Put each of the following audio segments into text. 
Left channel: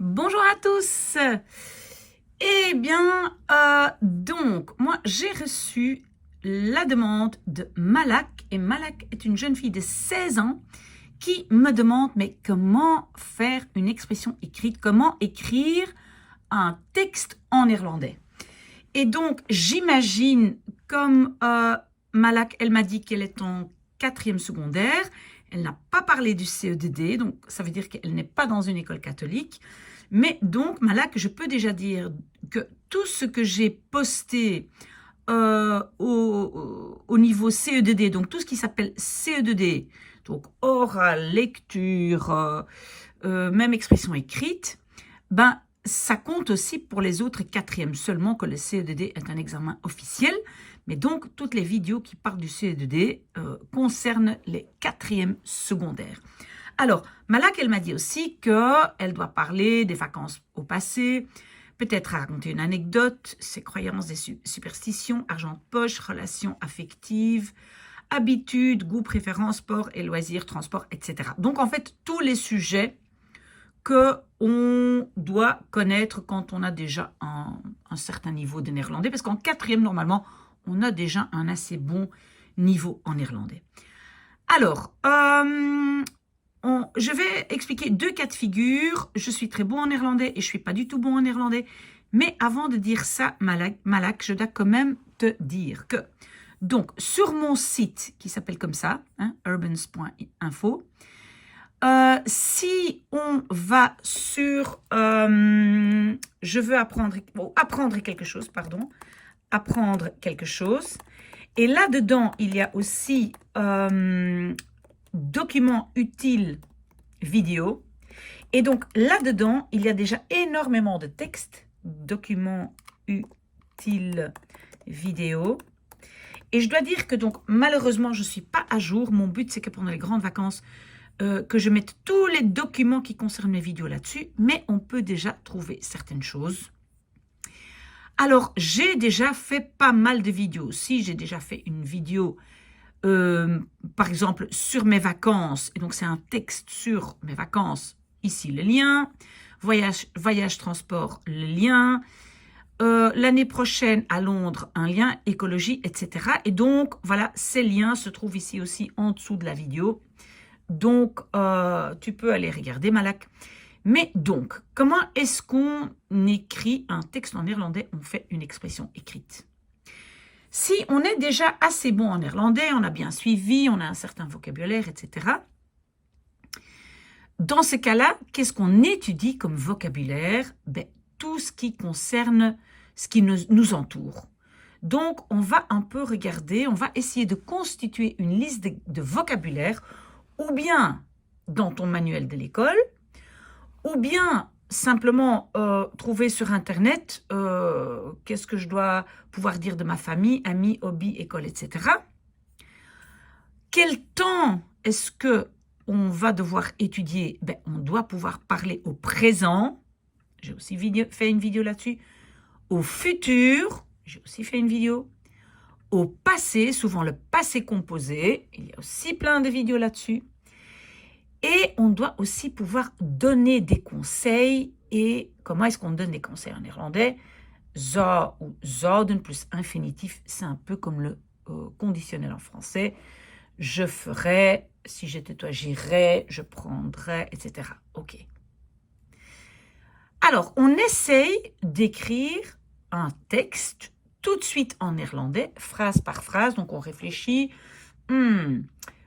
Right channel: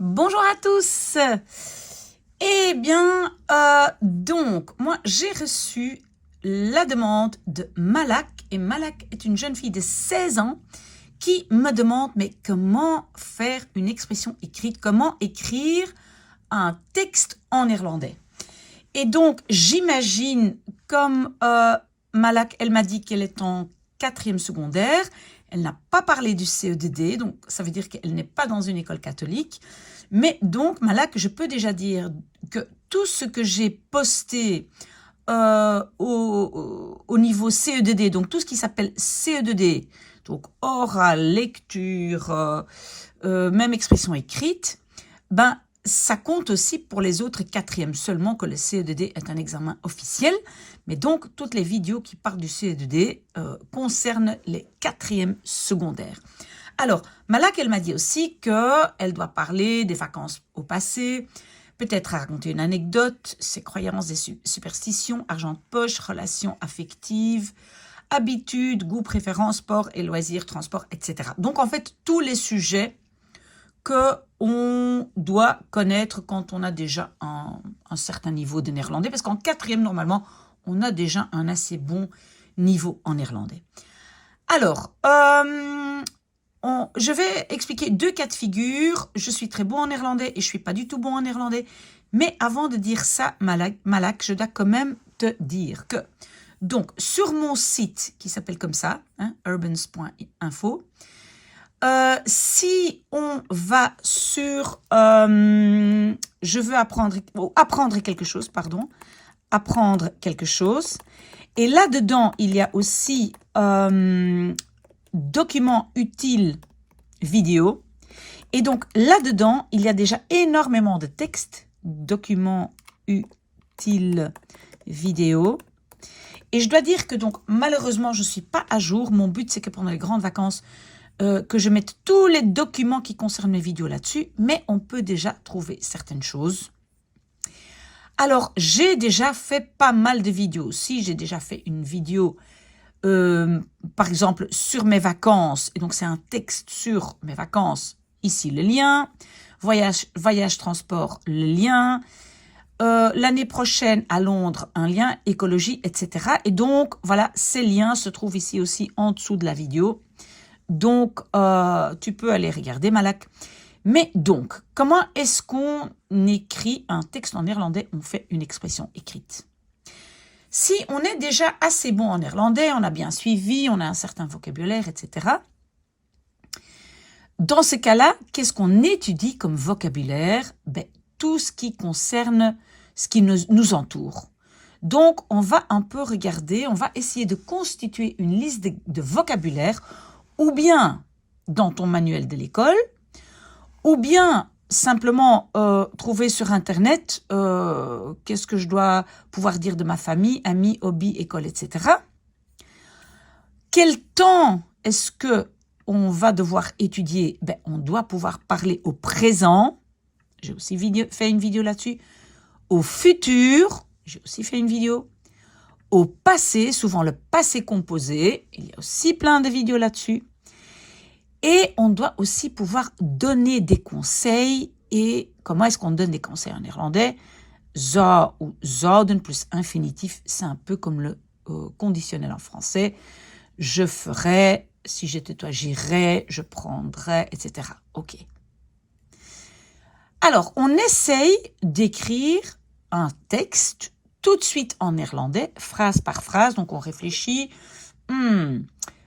Bonjour à tous. Eh bien, donc, moi, j'ai reçu la demande de Malak. Et Malak est une jeune fille de 16 ans qui me demande, mais comment faire une expression écrite? Comment écrire un texte en néerlandais? Et donc, j'imagine, comme Malak, elle m'a dit qu'elle est en 4e secondaire, elle n'a pas parlé du CE2D, donc ça veut dire qu'elle n'est pas dans une école catholique. Mais donc, Malak, je peux déjà dire que tout ce que j'ai posté au niveau CE2D, donc tout ce qui s'appelle CE2D, donc oral, lecture, même expression écrite, ben, ça compte aussi pour les autres 4e, seulement que le CE2D est un examen officiel. Mais donc, toutes les vidéos qui parlent du CE2D concernent les 4e secondaires. Alors, Malak, elle m'a dit aussi qu'elle doit parler des vacances au passé, peut-être raconter une anecdote, ses croyances, des superstitions, argent de poche, relations affectives, habitudes, goûts, préférences, sport et loisirs, transport, etc. Donc, en fait, tous les sujets qu'on doit connaître quand on a déjà un certain niveau de néerlandais, parce qu'en 4e, normalement, on a déjà un assez bon niveau en néerlandais. Alors, je vais expliquer 2 cas de figure. Je suis très bon en néerlandais et je ne suis pas du tout bon en néerlandais. Mais avant de dire ça, Malak, je dois quand même te dire que, donc, sur mon site qui s'appelle comme ça, urbans.info, si on va sur je veux apprendre quelque chose, et là-dedans, il y a aussi documents utiles vidéo. Et donc, là-dedans, il y a déjà énormément de textes, documents utiles vidéo. Et je dois dire que donc, malheureusement, je ne suis pas à jour. Mon but, c'est que pendant les grandes vacances, que je mette tous les documents qui concernent mes vidéos là-dessus. Mais on peut déjà trouver certaines choses. Alors, j'ai déjà fait pas mal de vidéos aussi. J'ai déjà fait une vidéo, par exemple, sur mes vacances. Et donc, c'est un texte sur mes vacances. Ici, le lien. Voyage transport, le lien. L'année prochaine, à Londres, un lien. Écologie, etc. Et donc, voilà, ces liens se trouvent ici aussi en dessous de la vidéo. Donc, tu peux aller regarder, Malak. Mais donc, comment est-ce qu'on écrit un texte en néerlandais? On fait une expression écrite. Si on est déjà assez bon en néerlandais, on a bien suivi, on a un certain vocabulaire, etc. Dans ce cas-là, qu'est-ce qu'on étudie comme vocabulaire? Ben, tout ce qui concerne ce qui nous entoure. Donc, on va un peu regarder, on va essayer de constituer une liste de vocabulaire, ou bien dans ton manuel de l'école, ou bien simplement trouver sur Internet qu'est-ce que je dois pouvoir dire de ma famille, amis, hobbies, école, etc. Quel temps est-ce qu'on va devoir étudier? Ben, on doit pouvoir parler au présent. J'ai aussi fait une vidéo là-dessus. Au futur, j'ai aussi fait une vidéo. Au passé, souvent le passé composé. Il y a aussi plein de vidéos là-dessus. Et on doit aussi pouvoir donner des conseils. Et comment est-ce qu'on donne des conseils en néerlandais? Zou ou zouden plus infinitif, c'est un peu comme le conditionnel en français. Je ferais, si j'étais toi, j'irais, je prendrais, etc. Ok. Alors, on essaye d'écrire un texte tout de suite en néerlandais, phrase par phrase. Donc, on réfléchit.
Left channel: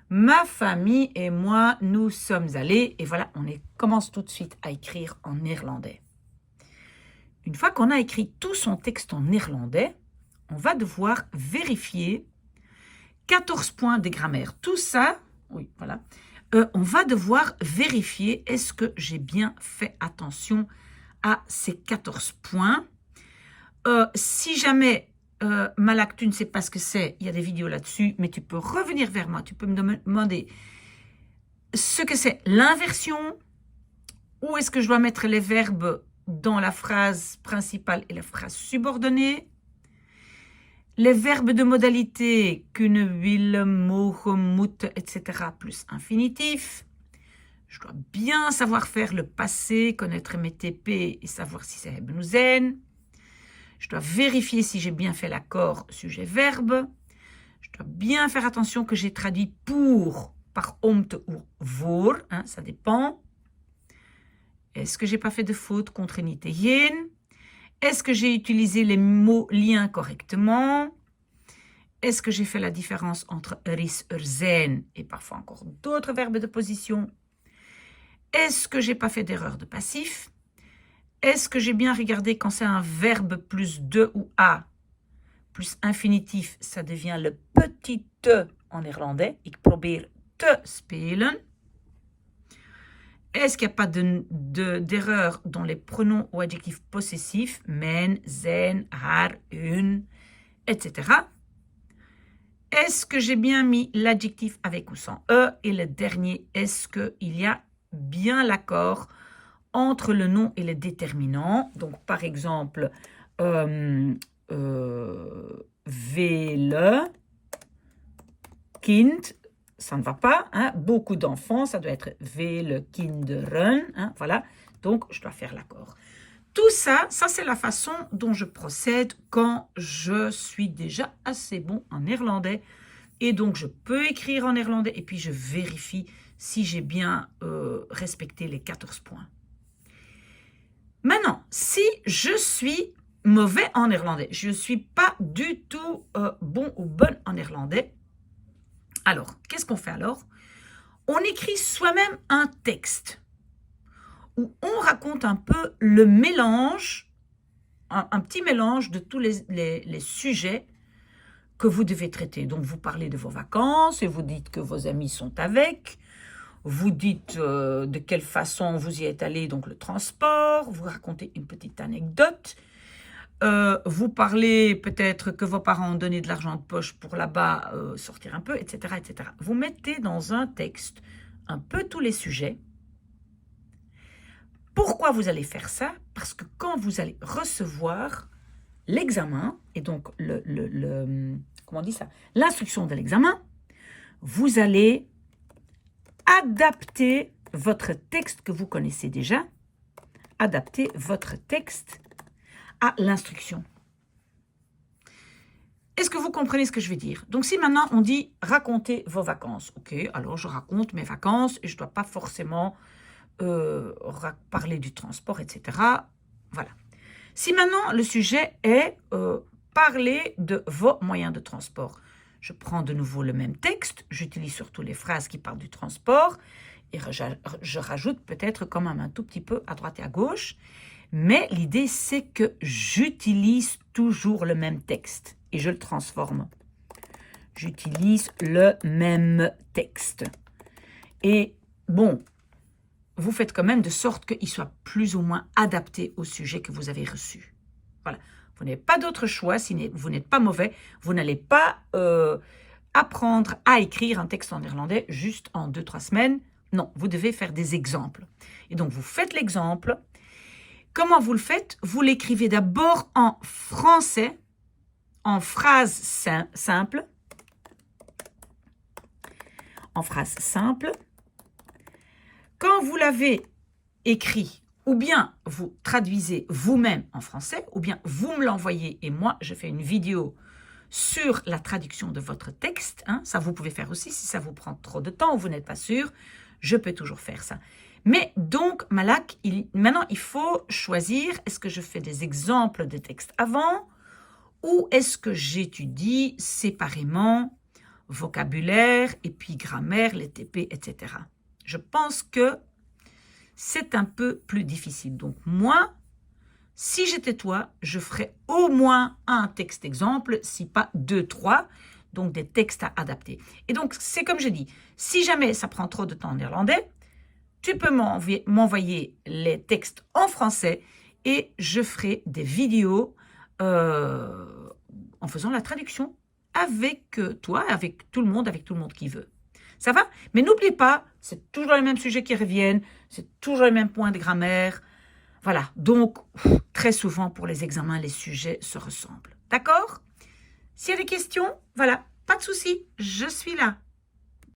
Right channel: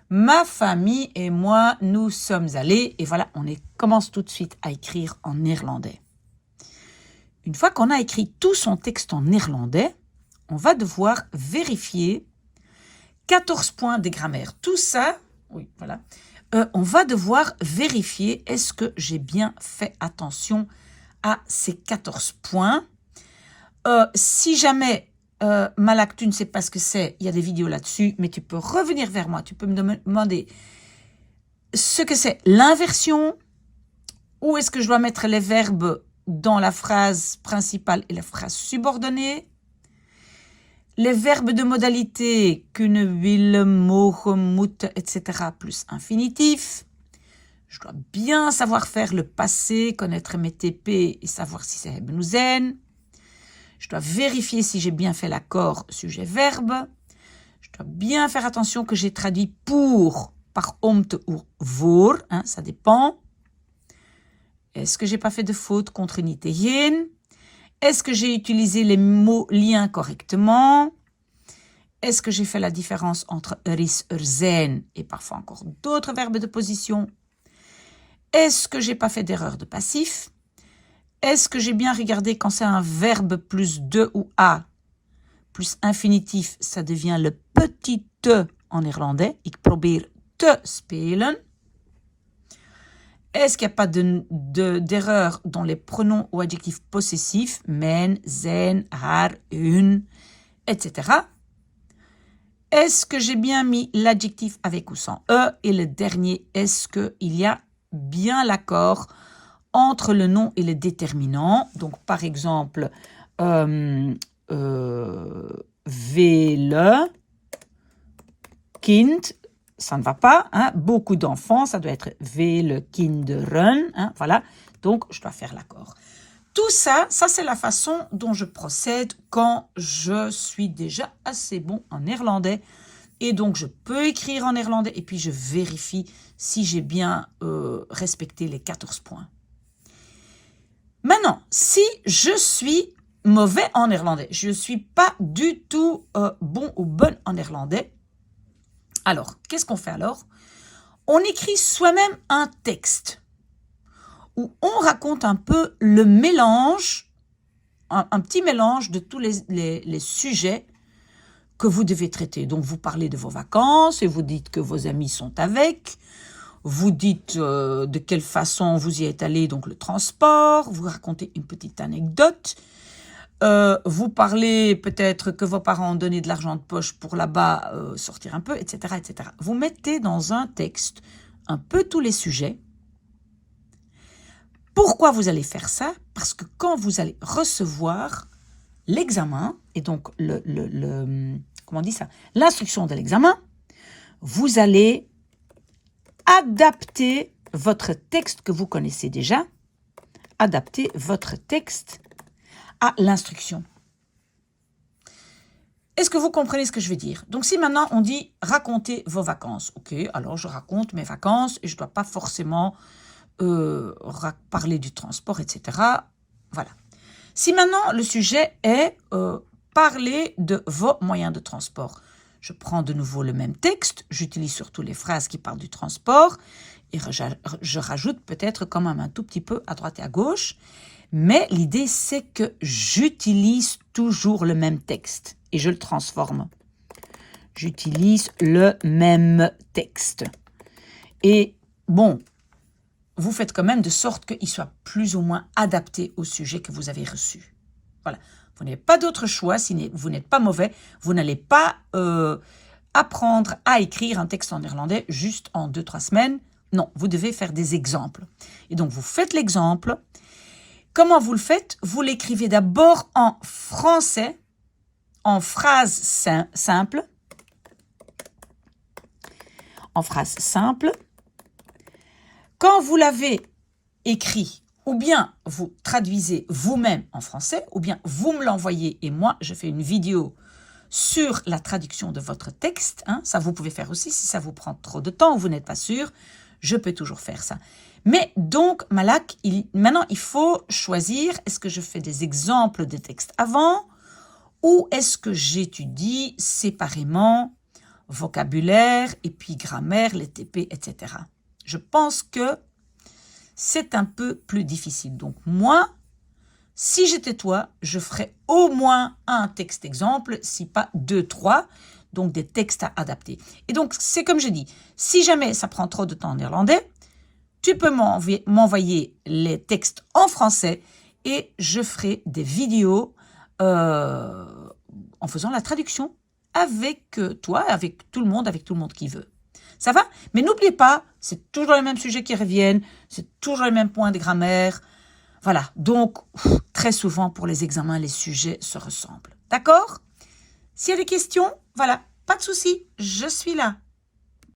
Ma famille et moi, nous sommes allés. Et voilà, on commence tout de suite à écrire en néerlandais. Une fois qu'on a écrit tout son texte en néerlandais, on va devoir vérifier 14 points de grammaire. Tout ça, oui, voilà. On va devoir vérifier est-ce que j'ai bien fait attention à ces 14 points. Si jamais, Malak, tu ne sais pas ce que c'est, il y a des vidéos là-dessus, mais tu peux revenir vers moi, tu peux me demander ce que c'est l'inversion, où est-ce que je dois mettre les verbes dans la phrase principale et la phrase subordonnée, les verbes de modalité, kunnen, willen, mogen, moeten, etc. plus infinitif. Je dois bien savoir faire le passé, connaître mes TP et savoir si c'est hebben ou zijn. Je dois vérifier si j'ai bien fait l'accord sujet-verbe. Je dois bien faire attention que j'ai traduit pour par omt ou voor, hein, ça dépend. Est-ce que j'ai pas fait de faute contre niet geen? Est-ce que j'ai utilisé les mots liens correctement? Est-ce que j'ai fait la différence entre is, zijn et parfois encore d'autres verbes de position? Est-ce que j'ai pas fait d'erreur de passif? Est-ce que j'ai bien regardé quand c'est un verbe plus de ou a, plus infinitif, ça devient le petit te en néerlandais. Ik probeer te spelen. Est-ce qu'il n'y a pas d'erreur dans les pronoms ou adjectifs possessifs, mijn, zijn, haar, hun, etc. Est-ce que j'ai bien mis l'adjectif avec ou sans e? Et le dernier, est-ce qu'il y a bien l'accord entre le nom et le déterminant? Donc, par exemple, vele, kind, ça ne va pas. Hein? Beaucoup d'enfants, ça doit être vele kinderen. Hein? Voilà, donc je dois faire l'accord. Tout ça, c'est la façon dont je procède quand je suis déjà assez bon en néerlandais. Et donc, je peux écrire en néerlandais et puis je vérifie si j'ai bien respecté les 14 points. Maintenant, si je suis mauvais en néerlandais, je ne suis pas du tout bon ou bonne en néerlandais, alors, qu'est-ce qu'on fait alors? On écrit soi-même un texte où on raconte un peu le mélange, un petit mélange de tous les sujets que vous devez traiter. Donc, vous parlez de vos vacances et vous dites que vos amis sont avec. Vous dites de quelle façon vous y êtes allé, donc le transport. Vous racontez une petite anecdote. Vous parlez peut-être que vos parents ont donné de l'argent de poche pour là-bas sortir un peu, etc., etc. Vous mettez dans un texte un peu tous les sujets. Pourquoi vous allez faire ça? Parce que quand vous allez recevoir l'examen, et donc comment on dit ça? L'instruction de l'examen, vous allez adapter votre texte que vous connaissez déjà, adapter votre texte à l'instruction. Est-ce que vous comprenez ce que je veux dire? Donc, si maintenant on dit « racontez vos vacances », ok, alors je raconte mes vacances et je ne dois pas forcément parler du transport, etc. Voilà. Si maintenant le sujet est parler de vos moyens de transport, je prends de nouveau le même texte, j'utilise surtout les phrases qui parlent du transport et je rajoute peut-être quand même un tout petit peu à droite et à gauche. Mais l'idée, c'est que j'utilise toujours le même texte et je le transforme. J'utilise le même texte. Et bon, vous faites quand même de sorte qu'il soit plus ou moins adapté au sujet que vous avez reçu. Voilà. Vous n'avez pas d'autre choix, si vous n'êtes pas mauvais, vous n'allez pas apprendre à écrire un texte en néerlandais juste en 2-3 semaines. Non, vous devez faire des exemples. Et donc, vous faites l'exemple. Comment vous le faites? Vous l'écrivez d'abord en français, en phrase simple. En phrase simple. Quand vous l'avez écrit, ou bien vous traduisez vous-même en français, ou bien vous me l'envoyez et moi, je fais une vidéo sur la traduction de votre texte. Hein, ça, vous pouvez faire aussi si ça vous prend trop de temps ou vous n'êtes pas sûr. Je peux toujours faire ça. Mais donc, Malak, maintenant, il faut choisir, est-ce que je fais des exemples de textes avant ou est-ce que j'étudie séparément vocabulaire et puis grammaire, les TP, etc. Je pense que c'est un peu plus difficile. Donc, moi, si j'étais toi, je ferais au moins un texte exemple, si pas 2, 3, donc des textes à adapter. Et donc, c'est comme je dis, si jamais ça prend trop de temps en néerlandais, tu peux m'envoyer les textes en français et je ferai des vidéos en faisant la traduction avec toi, avec tout le monde qui veut. Ça va? Mais n'oubliez pas, c'est toujours les mêmes sujets qui reviennent, c'est toujours les mêmes points de grammaire. Voilà, donc très souvent pour les examens, les sujets se ressemblent. D'accord? S'il y a des questions, voilà, pas de souci, je suis là.